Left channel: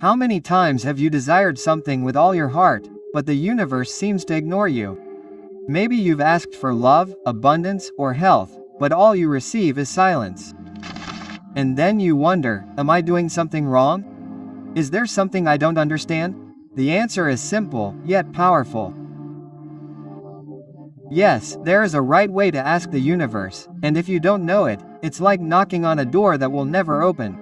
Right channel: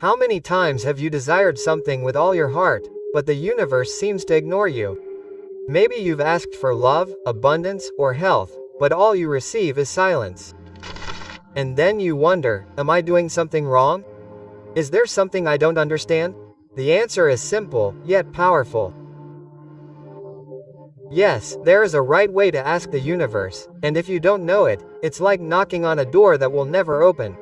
How many times have you desired something with all your heart, but the universe seems to ignore you? Maybe you've asked for love, abundance, or health, but all you receive is silence. And then you wonder, am I doing something wrong? Is there something I don't understand? The answer is simple, yet powerful. Yes, there is a right way to ask the universe, and if you don't know it, it's like knocking on a door that will never open.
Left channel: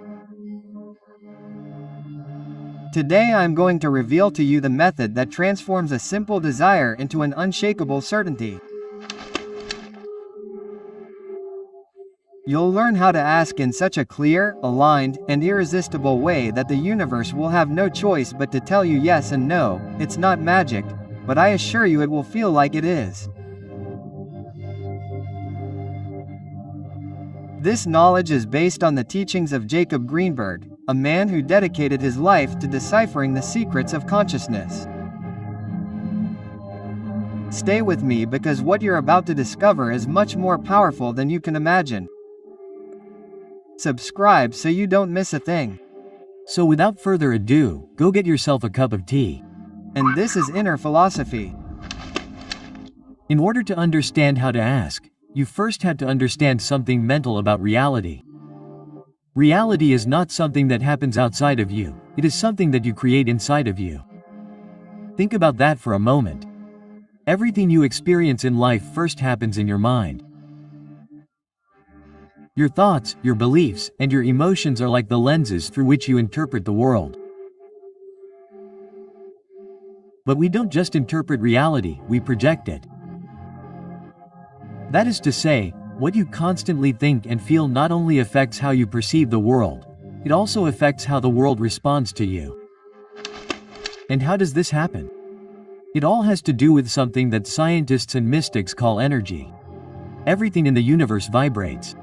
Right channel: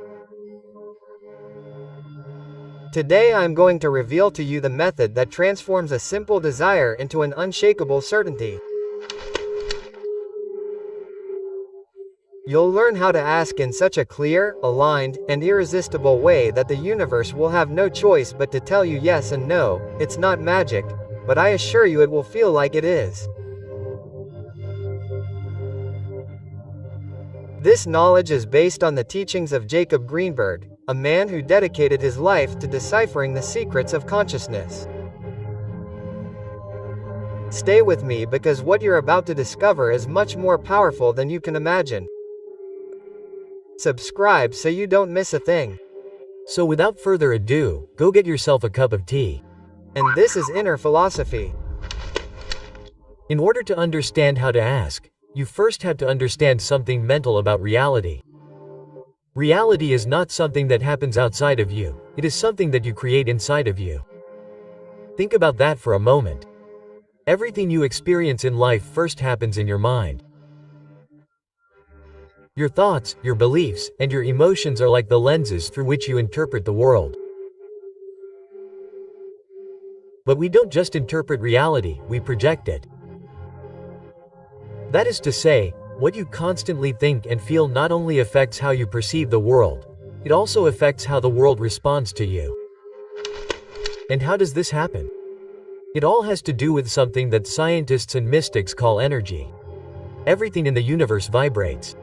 Today I'm going to reveal to you the method that transforms a simple desire into an unshakable certainty. You'll learn how to ask in such a clear, aligned, and irresistible way that the universe will have no choice but to tell you yes and no. It's not magic, but I assure you it will feel like it is. This knowledge is based on the teachings of Jacob Grimberg, a man who dedicated his life to deciphering the secrets of consciousness. Stay with me because what you're about to discover is much more powerful than you can imagine. Subscribe so you don't miss a thing. So without further ado, go get yourself a cup of tea. And this is Inner Philosophy. In order to understand how to ask, you first had to understand something mental about reality. Reality is not something that happens outside of you, it is something that you create inside of you. Think about that for a moment. Everything you experience in life first happens in your mind. Your thoughts, your beliefs, and your emotions are like the lenses through which you interpret the world. But we don't just interpret reality, we project it. That is to say, what you constantly think and feel not only affects how you perceive the world, it also affects how the world responds to you. And how does this happen? It all has to do with something that scientists and mystics call energy. Everything in the universe vibrates.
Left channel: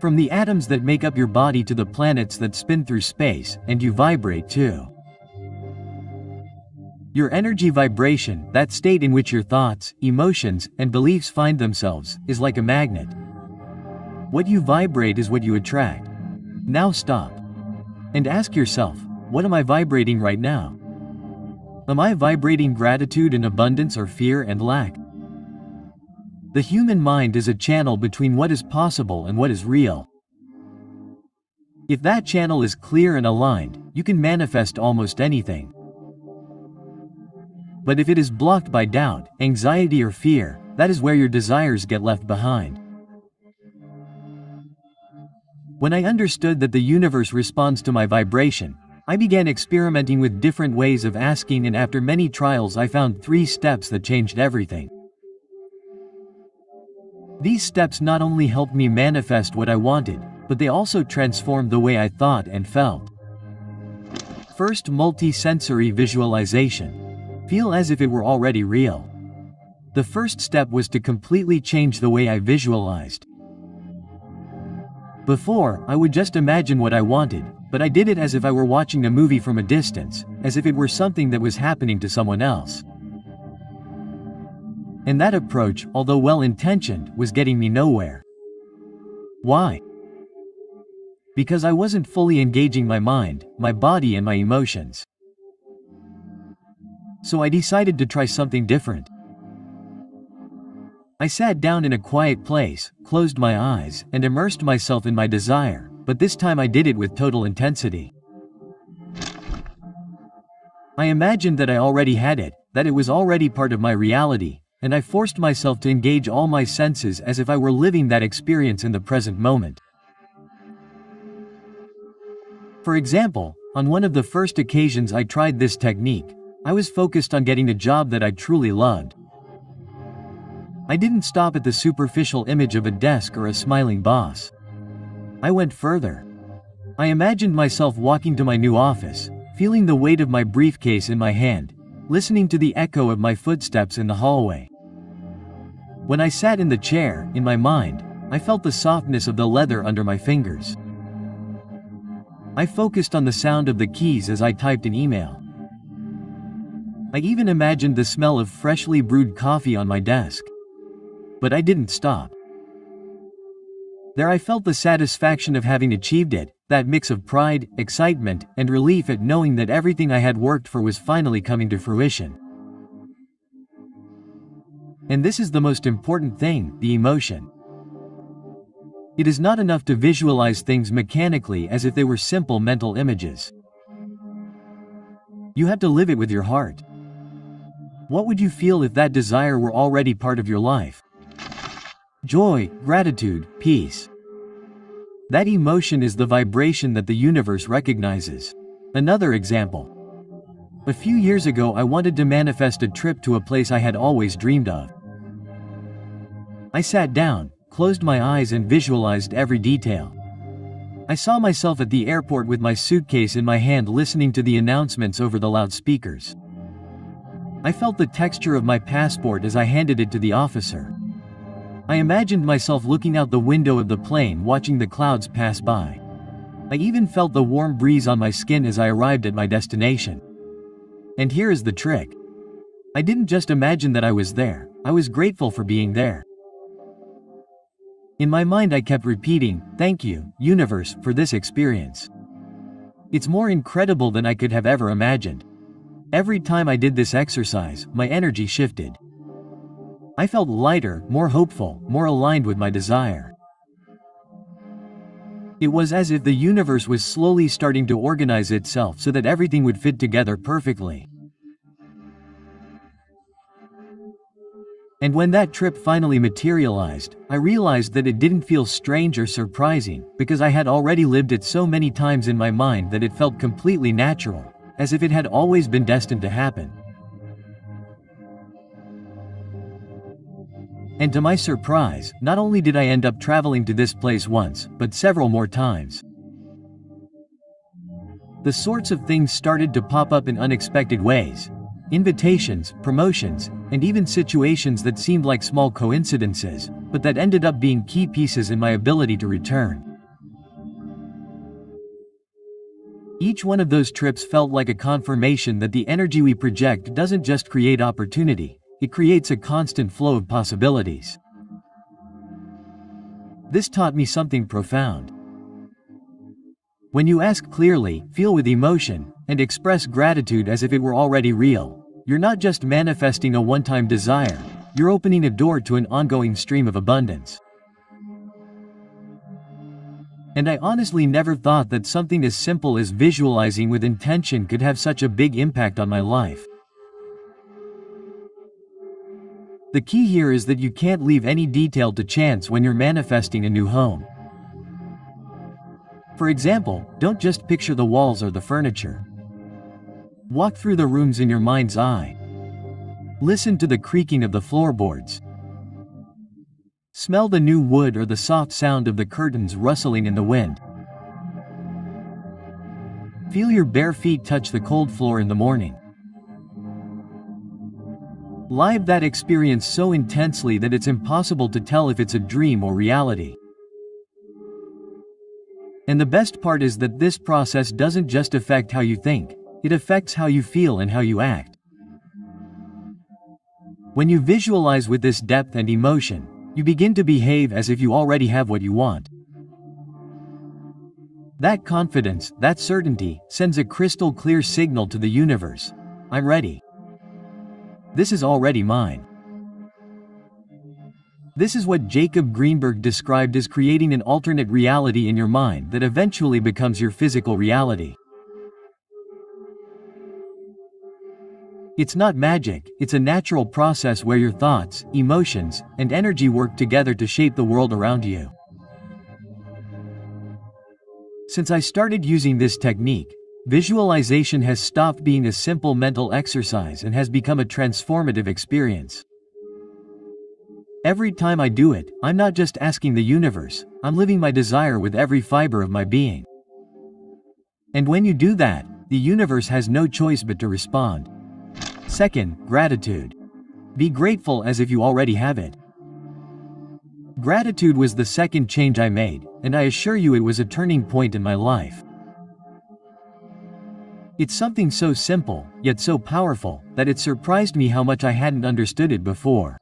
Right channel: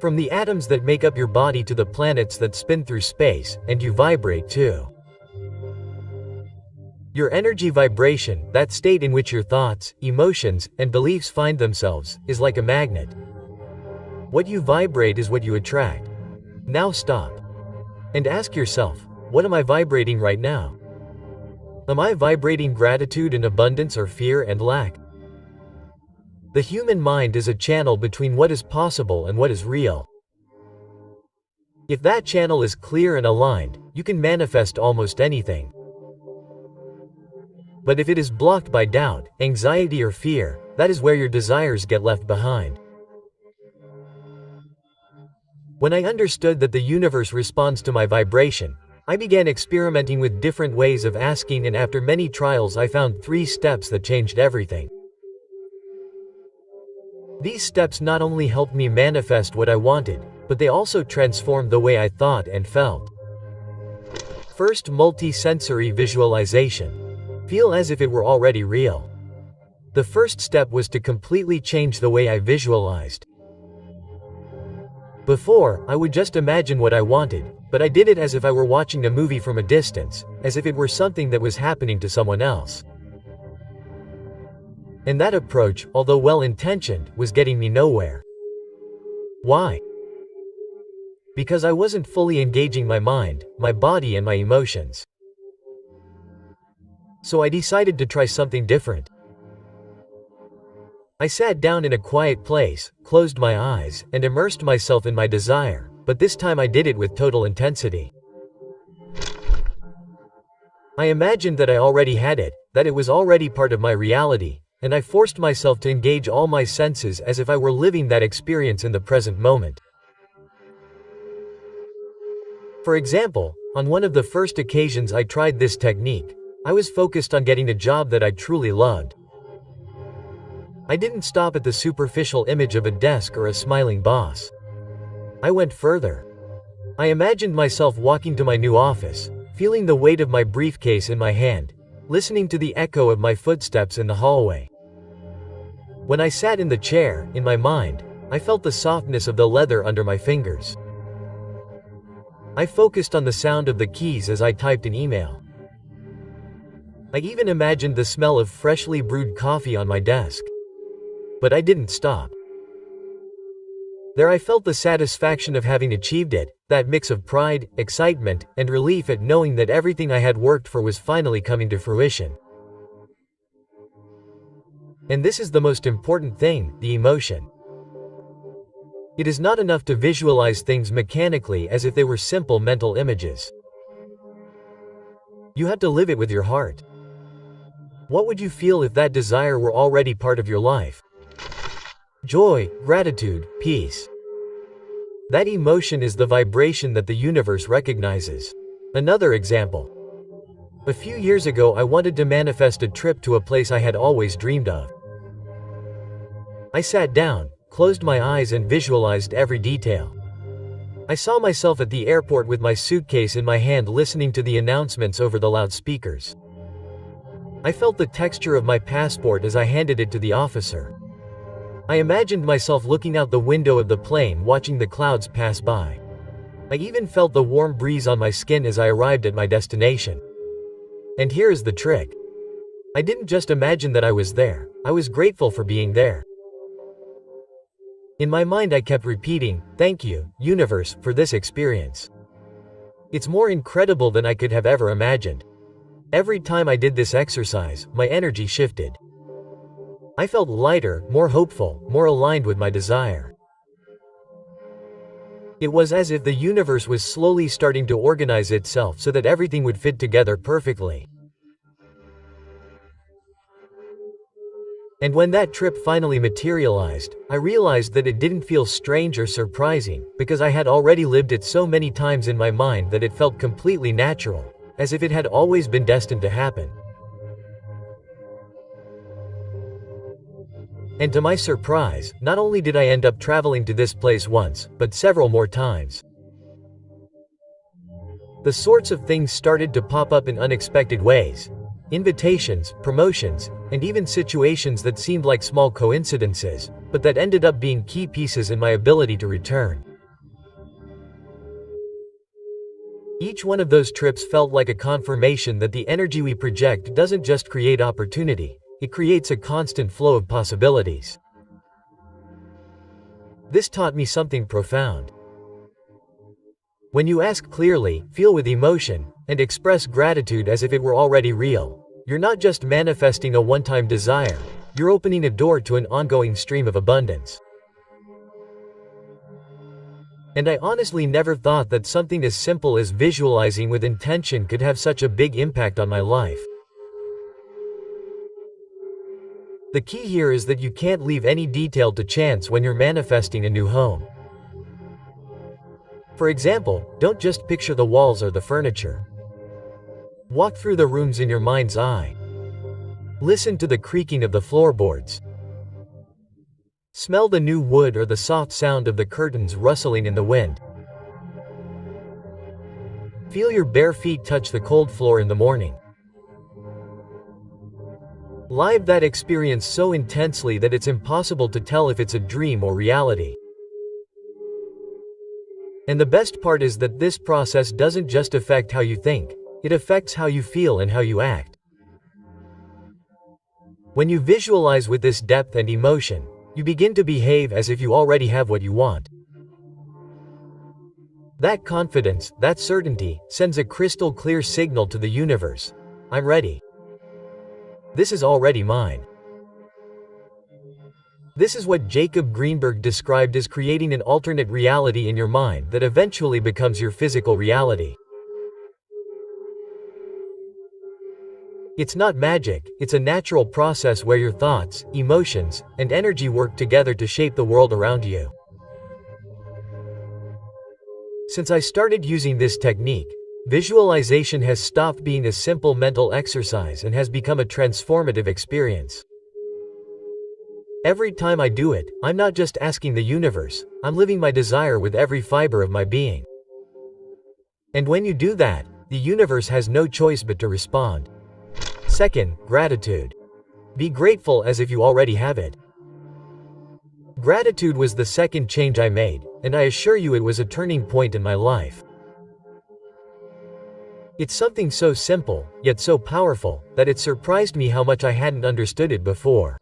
From the atoms that make up your body to the planets that spin through space, and you vibrate too. Your energy vibration, that state in which your thoughts, emotions, and beliefs find themselves, is like a magnet. What you vibrate is what you attract. Now stop. And ask yourself, what am I vibrating right now? Am I vibrating gratitude and abundance or fear and lack? The human mind is a channel between what is possible and what is real. If that channel is clear and aligned, you can manifest almost anything. But if it is blocked by doubt, anxiety or fear, that is where your desires get left behind. When I understood that the universe responds to my vibration, I began experimenting with different ways of asking, and after many trials I found 3 steps that changed everything. These steps not only helped me manifest what I wanted, but they also transformed the way I thought and felt. First, multi-sensory visualization. Feel as if it were already real. The first step was to completely change the way I visualized. Before, I would just imagine what I wanted, but I did it as if I were watching a movie from a distance, as if it were something that was happening to someone else. And that approach, although well-intentioned, was getting me nowhere. Why? Because I wasn't fully engaging my mind, my body, and my emotions. So I decided to try something different. I sat down in a quiet place, closed my eyes, and immersed myself in my desire, but this time I did it with total intensity. I imagined that I already had it, that it was already part of my reality, and I forced myself to engage all my senses as if I were living that experience in the present moment. For example, on one of the first occasions I tried this technique, I was focused on getting a job that I truly loved. I didn't stop at the superficial image of a desk or a smiling boss. I went further. I imagined myself walking to my new office, feeling the weight of my briefcase in my hand, listening to the echo of my footsteps in the hallway. When I sat in the chair, in my mind, I felt the softness of the leather under my fingers. I focused on the sound of the keys as I typed an email. I even imagined the smell of freshly brewed coffee on my desk. But I didn't stop. There I felt the satisfaction of having achieved it, That mix of pride, excitement, and relief at knowing that everything I had worked for was finally coming to fruition. And this is the most important thing, the emotion. It is not enough to visualize things mechanically as if they were simple mental images. You have to live it with your heart. What would you feel if that desire were already part of your life? Joy, gratitude, peace. That emotion is the vibration that the universe recognizes. Another example. A few years ago I wanted to manifest a trip to a place I had always dreamed of. I sat down, closed my eyes and visualized every detail. I saw myself at the airport with my suitcase in my hand listening to the announcements over the loudspeakers. I felt the texture of my passport as I handed it to the officer. I imagined myself looking out the window of the plane watching the clouds pass by. I even felt the warm breeze on my skin as I arrived at my destination. And here is the trick. I didn't just imagine that I was there, I was grateful for being there. In my mind I kept repeating, "Thank you, universe, for this experience." It's more incredible than I could have ever imagined. Every time I did this exercise, my energy shifted. I felt lighter, more hopeful, more aligned with my desire. It was as if the universe was slowly starting to organize itself so that everything would fit together perfectly. And when that trip finally materialized, I realized that it didn't feel strange or surprising, because I had already lived it so many times in my mind that it felt completely natural, as if it had always been destined to happen. And to my surprise, not only did I end up traveling to this place once, but several more times. The sorts of things started to pop up in unexpected ways. Invitations, promotions, and even situations that seemed like small coincidences, but that ended up being key pieces in my ability to return. Each one of those trips felt like a confirmation that the energy we project doesn't just create opportunity, it creates a constant flow of possibilities. This taught me something profound. When you ask clearly, feel with emotion, and express gratitude as if it were already real, you're not just manifesting a one-time desire, you're opening a door to an ongoing stream of abundance. And I honestly never thought that something as simple as visualizing with intention could have such a big impact on my life. The key here is that you can't leave any detail to chance when you're manifesting a new home. For example, don't just picture the walls or the furniture. Walk through the rooms in your mind's eye. Listen to the creaking of the floorboards. Smell the new wood or the soft sound of the curtains rustling in the wind. Feel your bare feet touch the cold floor in the morning. Live that experience so intensely that it's impossible to tell if it's a dream or reality. And the best part is that this process doesn't just affect how you think, it affects how you feel and how you act. When you visualize with this depth and emotion, you begin to behave as if you already have what you want. That confidence, that certainty, sends a crystal clear signal to the universe. I'm ready. This is already mine. This is what Jacob Grimberg described as creating an alternate reality in your mind that eventually becomes your physical reality. It's not magic, it's a natural process where your thoughts, emotions, and energy work together to shape the world around you. Since I started using this technique, visualization has stopped being a simple mental exercise and has become a transformative experience. Every time I do it, I'm not just asking the universe, I'm living my desire with every fiber of my being. And when you do that, the universe has no choice but to respond. Second, gratitude. Be grateful as if you already have it. Gratitude was the second change I made, and I assure you it was a turning point in my life. It's something so simple, yet so powerful, that it surprised me how much I hadn't understood it before.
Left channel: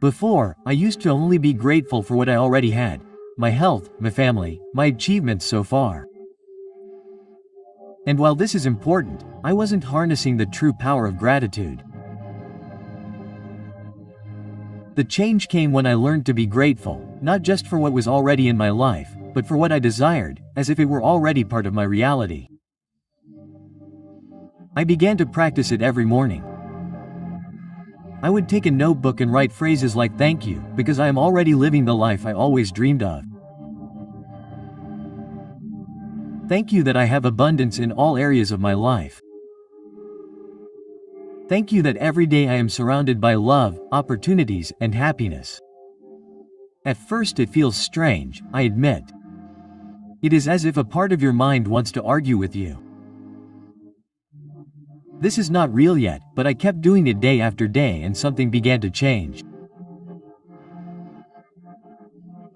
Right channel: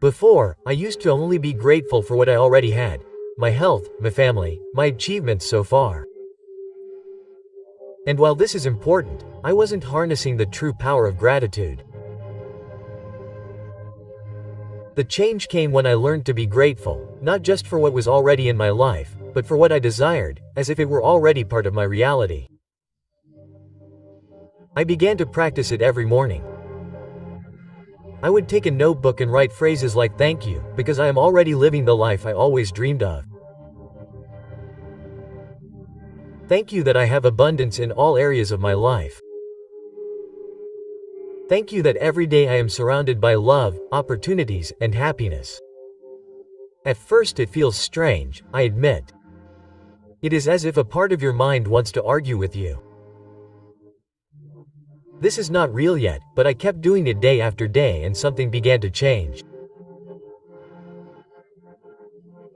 Before, I used to only be grateful for what I already had. my health, my family, my achievements so far. And while this is important, I wasn't harnessing the true power of gratitude. The change came when I learned to be grateful, not just for what was already in my life, but for what I desired, as if it were already part of my reality. I began to practice it every morning. I would take a notebook and write phrases like "thank you, because I am already living the life I always dreamed of." Thank you that I have abundance in all areas of my life. Thank you that every day I am surrounded by love, opportunities, and happiness. At first it feels strange, I admit. It is as if a part of your mind wants to argue with you. This is not real yet, but I kept doing it day after day and something began to change.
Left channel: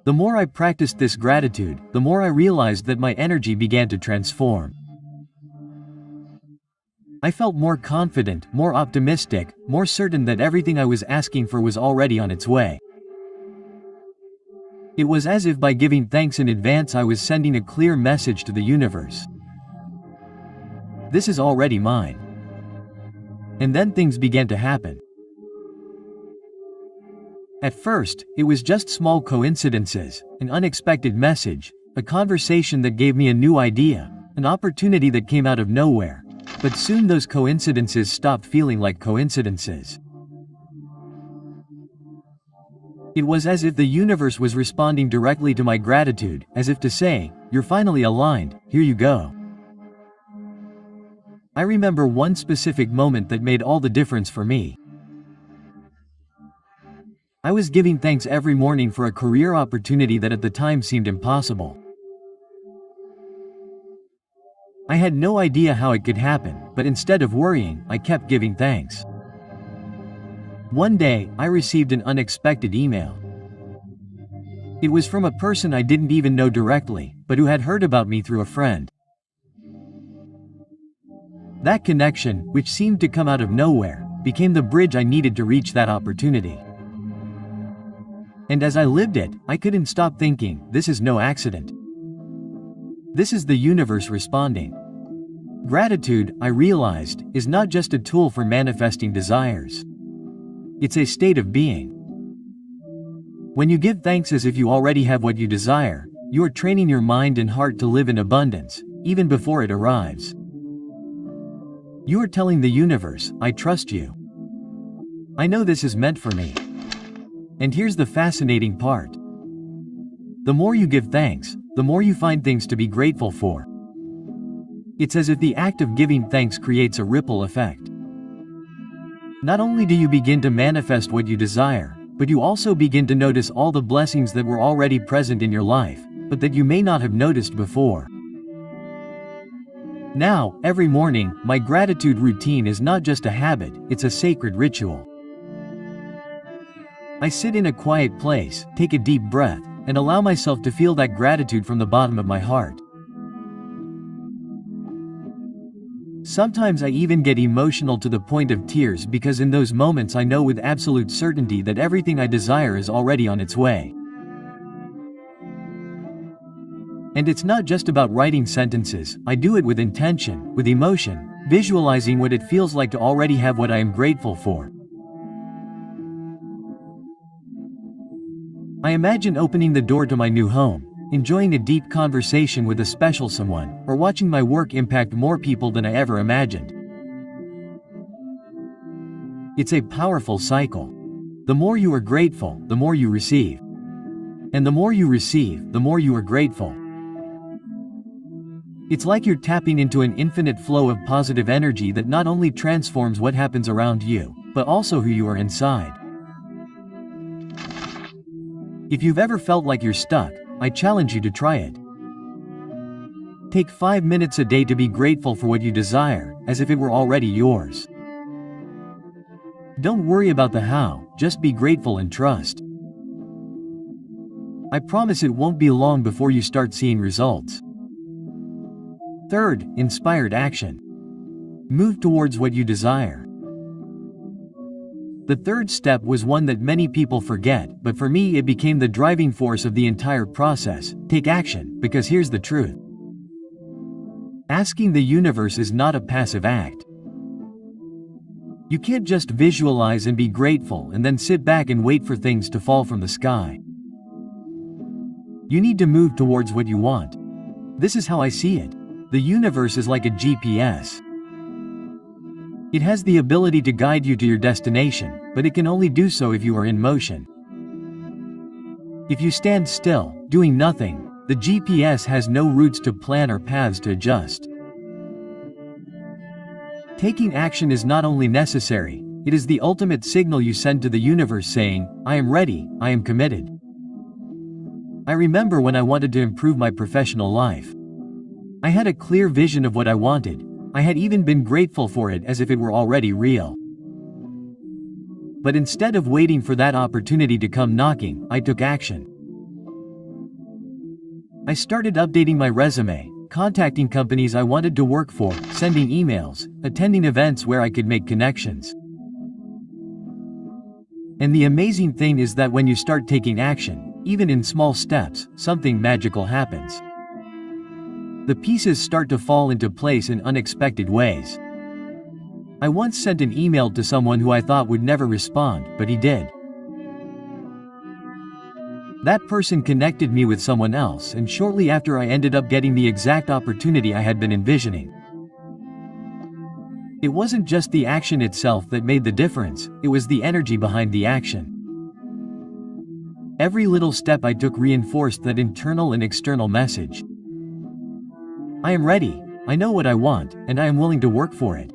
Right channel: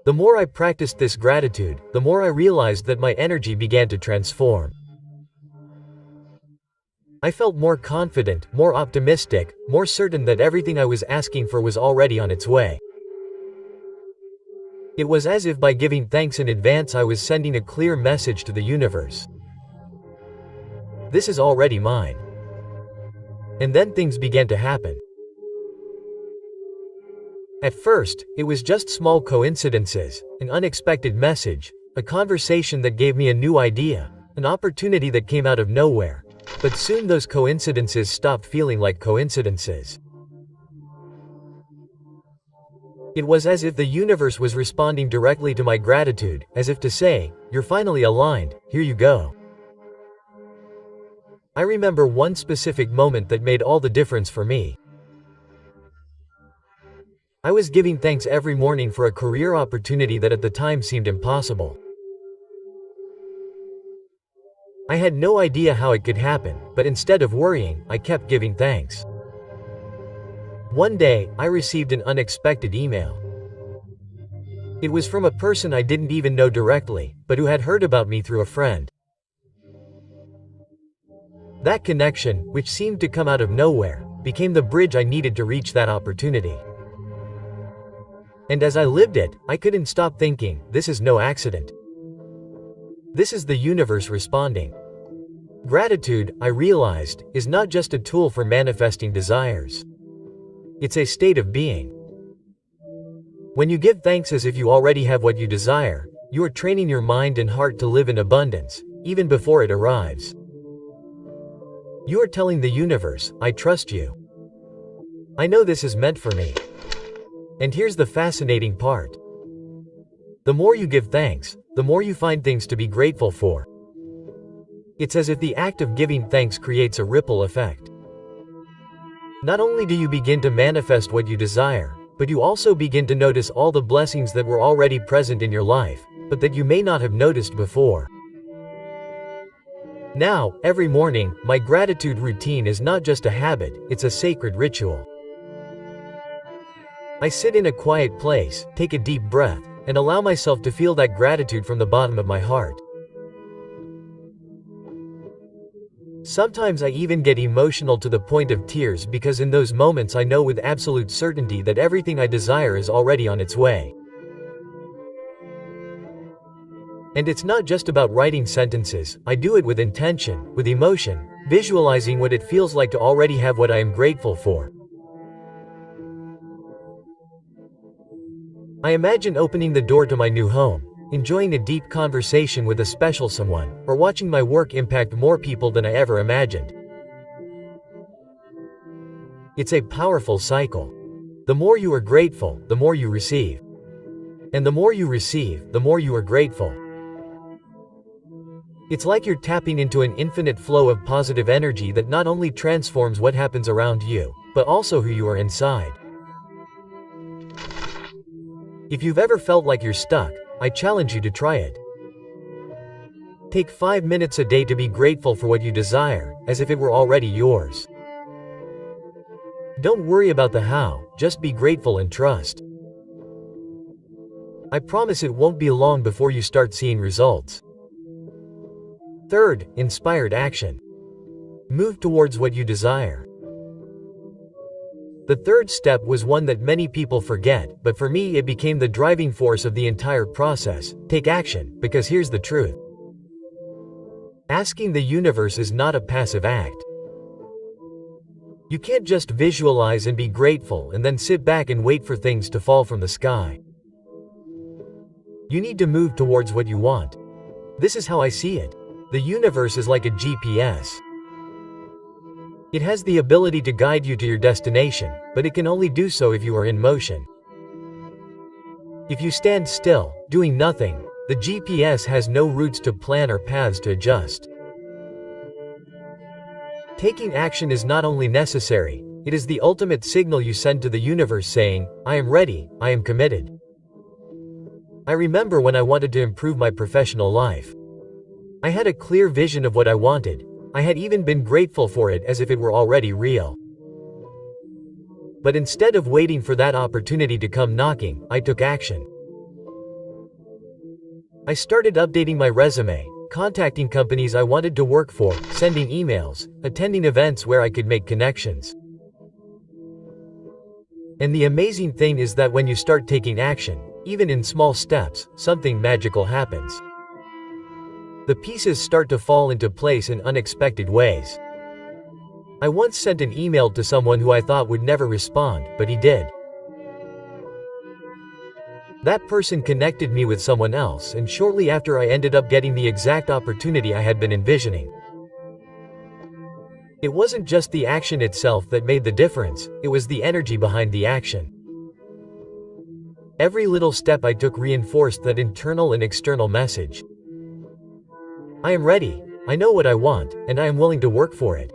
The more I practiced this gratitude, the more I realized that my energy began to transform. I felt more confident, more optimistic, more certain that everything I was asking for was already on its way. It was as if by giving thanks in advance I was sending a clear message to the universe. This is already mine. And then things began to happen. At first, it was just small coincidences, an unexpected message, a conversation that gave me a new idea, an opportunity that came out of nowhere. But soon those coincidences stopped feeling like coincidences. It was as if the universe was responding directly to my gratitude, as if to say, "You're finally aligned, here you go." I remember one specific moment that made all the difference for me. I was giving thanks every morning for a career opportunity that at the time seemed impossible. I had no idea how it could happen, but instead of worrying, I kept giving thanks. One day, I received an unexpected email. It was from a person I didn't even know directly, but who had heard about me through a friend. That connection, which seemed to come out of nowhere, became the bridge I needed to reach that opportunity. And as I lived it, I couldn't stop thinking, this is no accident. This is the universe responding. Gratitude, I realized, is not just a tool for manifesting desires. It's a state of being. When you give thanks as if you already have what you desire, you are training your mind and heart to live in abundance, even before it arrives. You are telling the universe, I trust you. I know this is meant for me. And here's the fascinating part. The more you give thanks, the more you find things to be grateful for. It's as if the act of giving thanks creates a ripple effect. Not only do you begin to manifest what you desire, but you also begin to notice all the blessings that were already present in your life, but that you may not have noticed before. Now, every morning, my gratitude routine is not just a habit, it's a sacred ritual. I sit in a quiet place, take a deep breath, and allow myself to feel that gratitude from the bottom of my heart. Sometimes I even get emotional to the point of tears because in those moments I know with absolute certainty that everything I desire is already on its way. And it's not just about writing sentences, I do it with intention, with emotion, visualizing what it feels like to already have what I am grateful for. I imagine opening the door to my new home, enjoying a deep conversation with a special someone, or watching my work impact more people than I ever imagined. It's a powerful cycle. The more you are grateful, the more you receive. And the more you receive, the more you are grateful. It's like you're tapping into an infinite flow of positive energy that not only transforms what happens around you, but also who you are inside. If you've ever felt like you're stuck, I challenge you to try it. Take 5 minutes a day to be grateful for what you desire, as if it were already yours. Don't worry about the how, just be grateful and trust. I promise it won't be long before you start seeing results. Third, inspired action. Move towards what you desire. The third step was one that many people forget, but for me it became the driving force of the entire process. Take action, because here's the truth. Asking the universe is not a passive act. You can't just visualize and be grateful and then sit back and wait for things to fall from the sky. You need to move towards what you want. This is how I see it. The universe is like a GPS. It has the ability to guide you to your destination, but it can only do so if you are in motion. If you stand still, doing nothing, the GPS has no routes to plan or paths to adjust. Taking action is not only necessary, it is the ultimate signal you send to the universe saying, I am ready, I am committed. I remember when I wanted to improve my professional life. I had a clear vision of what I wanted. I had even been grateful for it as if it were already real. But instead of waiting for that opportunity to come knocking, I took action. I started updating my resume, contacting companies I wanted to work for, sending emails, attending events where I could make connections. And the amazing thing is that when you start taking action, even in small steps, something magical happens. The pieces start to fall into place in unexpected ways. I once sent an email to someone who I thought would never respond, but he did. That person connected me with someone else, and shortly after I ended up getting the exact opportunity I had been envisioning. It wasn't just the action itself that made the difference, it was the energy behind the action. Every little step I took reinforced that internal and external message. I am ready, I know what I want, and I am willing to work for it.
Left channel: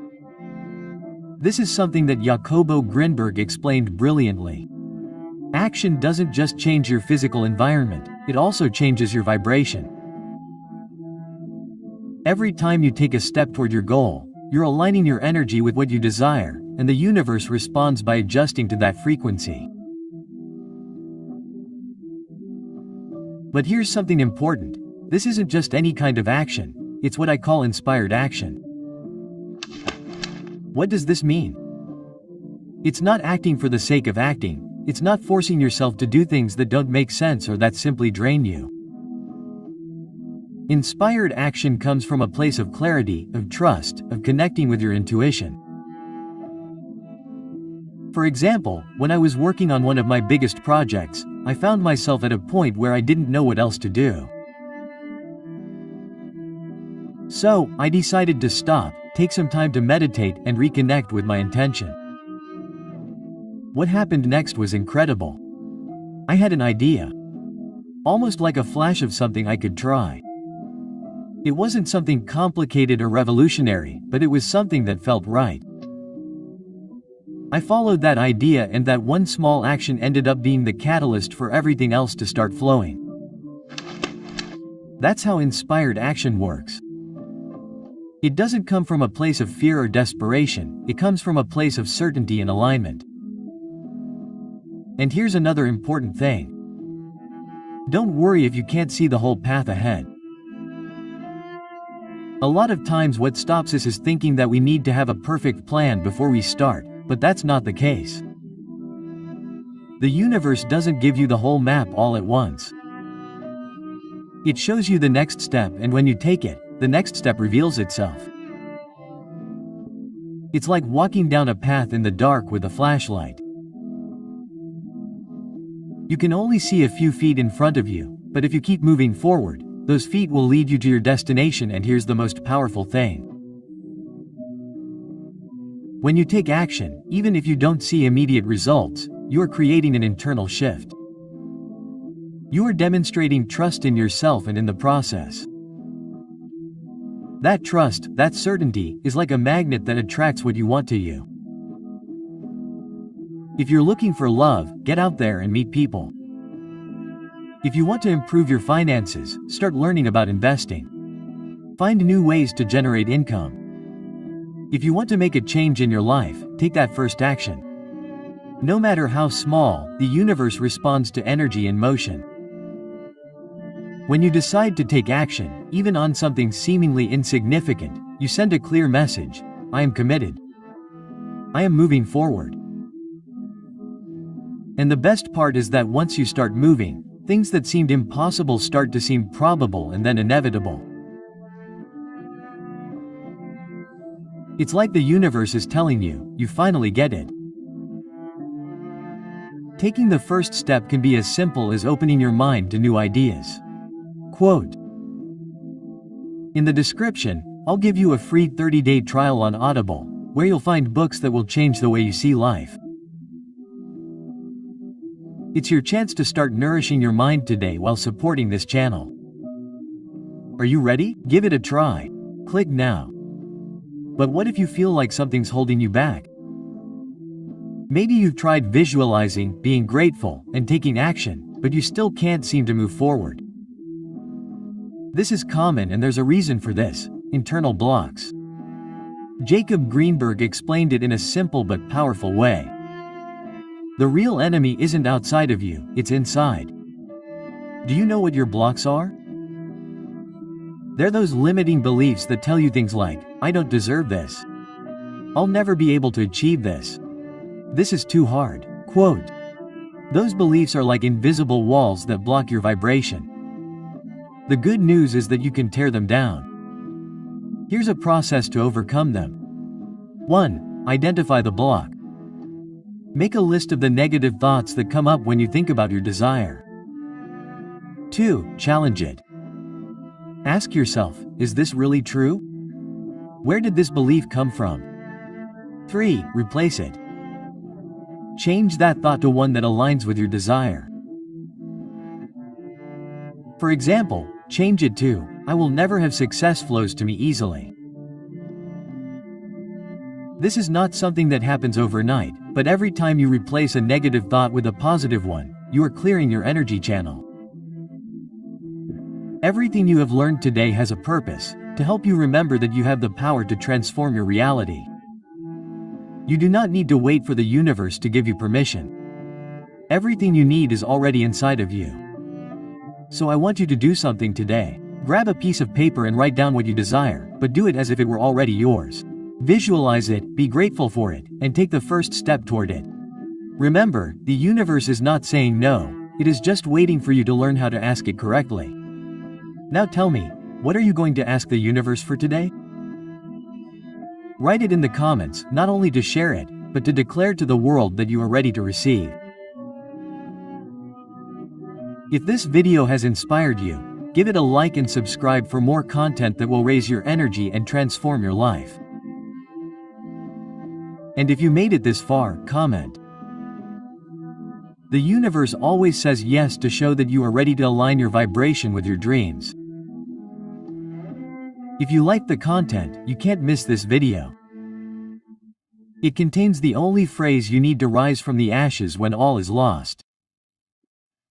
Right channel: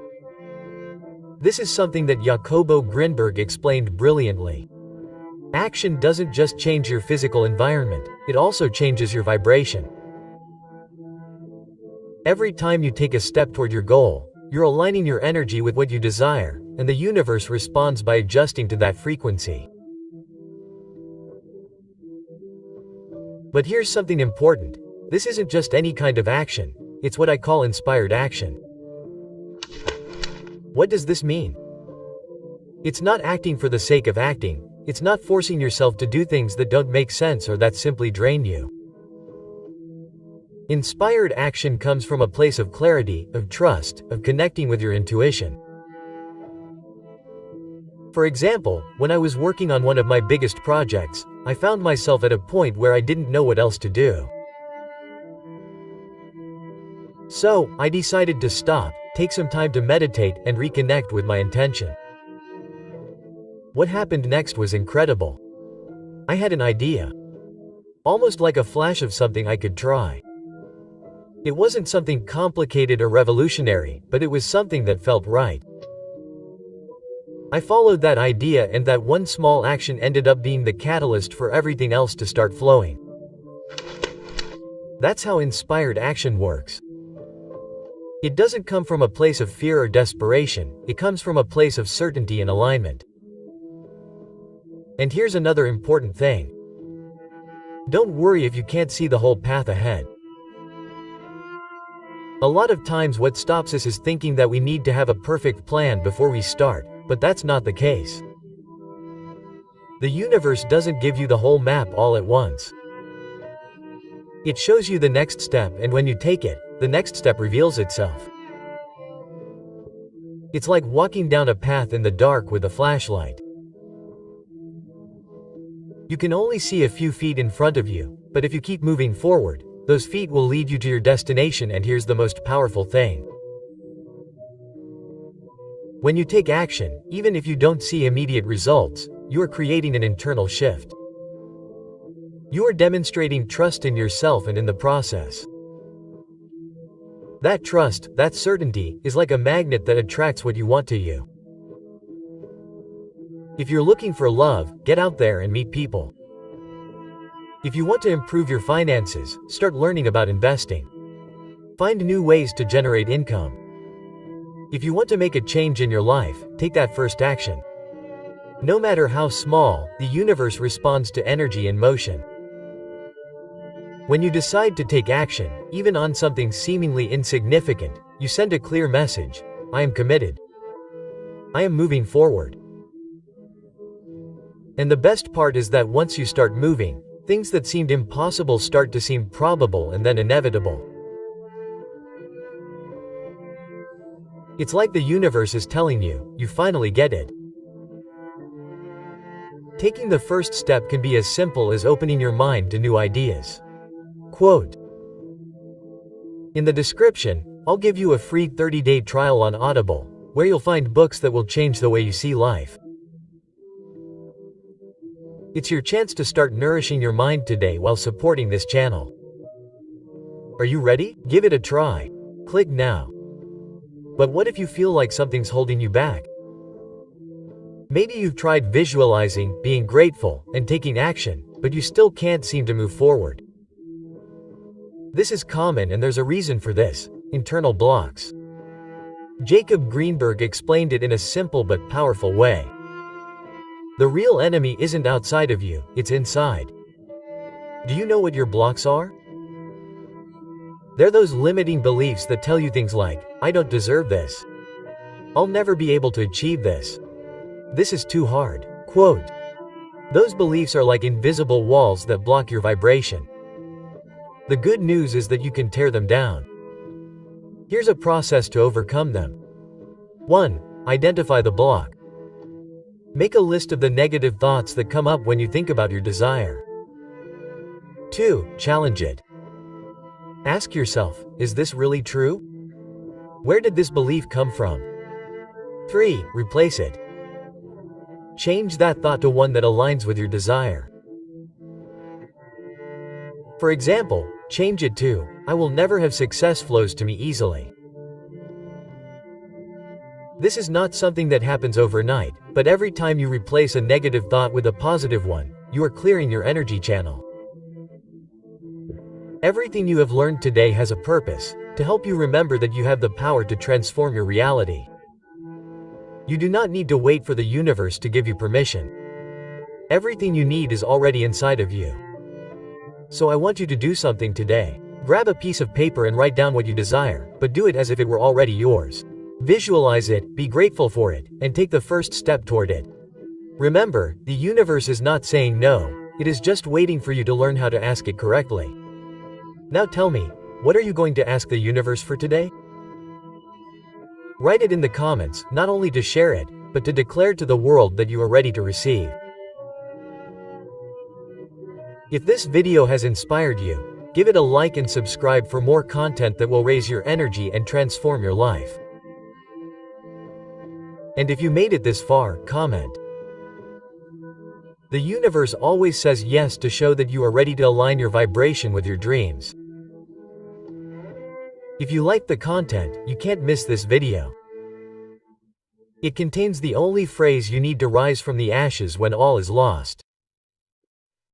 This is something that Jacobo Grimberg explained brilliantly. Action doesn't just change your physical environment, it also changes your vibration. Every time you take a step toward your goal, you're aligning your energy with what you desire, and the universe responds by adjusting to that frequency. But here's something important. This isn't just any kind of action, it's what I call inspired action. What does this mean? It's not acting for the sake of acting, it's not forcing yourself to do things that don't make sense or that simply drain you. Inspired action comes from a place of clarity, of trust, of connecting with your intuition. For example, when I was working on one of my biggest projects, I found myself at a point where I didn't know what else to do. So, I decided to stop, take some time to meditate and reconnect with my intention. What happened next was incredible. I had an idea. Almost like a flash of something I could try. It wasn't something complicated or revolutionary, but it was something that felt right. I followed that idea, and that one small action ended up being the catalyst for everything else to start flowing. That's how inspired action works. It doesn't come from a place of fear or desperation, it comes from a place of certainty and alignment. And here's another important thing. Don't worry if you can't see the whole path ahead. A lot of times what stops us is thinking that we need to have a perfect plan before we start, but that's not the case. The universe doesn't give you the whole map all at once. It shows you the next step, and when you take it, the next step reveals itself. It's like walking down a path in the dark with a flashlight. You can only see a few feet in front of you, but if you keep moving forward, those feet will lead you to your destination. And here's the most powerful thing. When you take action, even if you don't see immediate results, you are creating an internal shift. You are demonstrating trust in yourself and in the process. That trust, that certainty, is like a magnet that attracts what you want to you. If you're looking for love, get out there and meet people. If you want to improve your finances, start learning about investing. Find new ways to generate income. If you want to make a change in your life, take that first action. No matter how small, the universe responds to energy in motion. When you decide to take action, even on something seemingly insignificant, you send a clear message: I am committed. I am moving forward. And the best part is that once you start moving, things that seemed impossible start to seem probable and then inevitable. It's like the universe is telling you, you finally get it. Taking the first step can be as simple as opening your mind to new ideas. Quote: in the description, I'll give you a free 30-day trial on Audible, where you'll find books that will change the way you see life. It's your chance to start nourishing your mind today while supporting this channel. Are you ready? Give it a try. Click now. But what if you feel like something's holding you back? Maybe you've tried visualizing, being grateful, and taking action, but you still can't seem to move forward. This is common and there's a reason for this: internal blocks. Jacob Grimberg explained it in a simple but powerful way. The real enemy isn't outside of you, it's inside. Do you know what your blocks are? They're those limiting beliefs that tell you things like, I don't deserve this. I'll never be able to achieve this. This is too hard. Quote: those beliefs are like invisible walls that block your vibration. The good news is that you can tear them down. Here's a process to overcome them. 1. Identify the block. Make a list of the negative thoughts that come up when you think about your desire. 2. Challenge it. Ask yourself, is this really true? Where did this belief come from? 3. Replace it. Change that thought to one that aligns with your desire. For example, change it to, I will never have success flows to me easily. This is not something that happens overnight, but every time you replace a negative thought with a positive one, you are clearing your energy channel. Everything you have learned today has a purpose, to help you remember that you have the power to transform your reality. You do not need to wait for the universe to give you permission. Everything you need is already inside of you. So I want you to do something today. Grab a piece of paper and write down what you desire, but do it as if it were already yours. Visualize it, be grateful for it, and take the first step toward it. Remember, the universe is not saying no, it is just waiting for you to learn how to ask it correctly. Now tell me, what are you going to ask the universe for today? Write it in the comments, not only to share it, but to declare to the world that you are ready to receive. If this video has inspired you, give it a like and subscribe for more content that will raise your energy and transform your life. And if you made it this far, comment. The universe always says yes to show that you are ready to align your vibration with your dreams. If you like the content, you can't miss this video. It contains the only phrase you need to rise from the ashes when all is lost.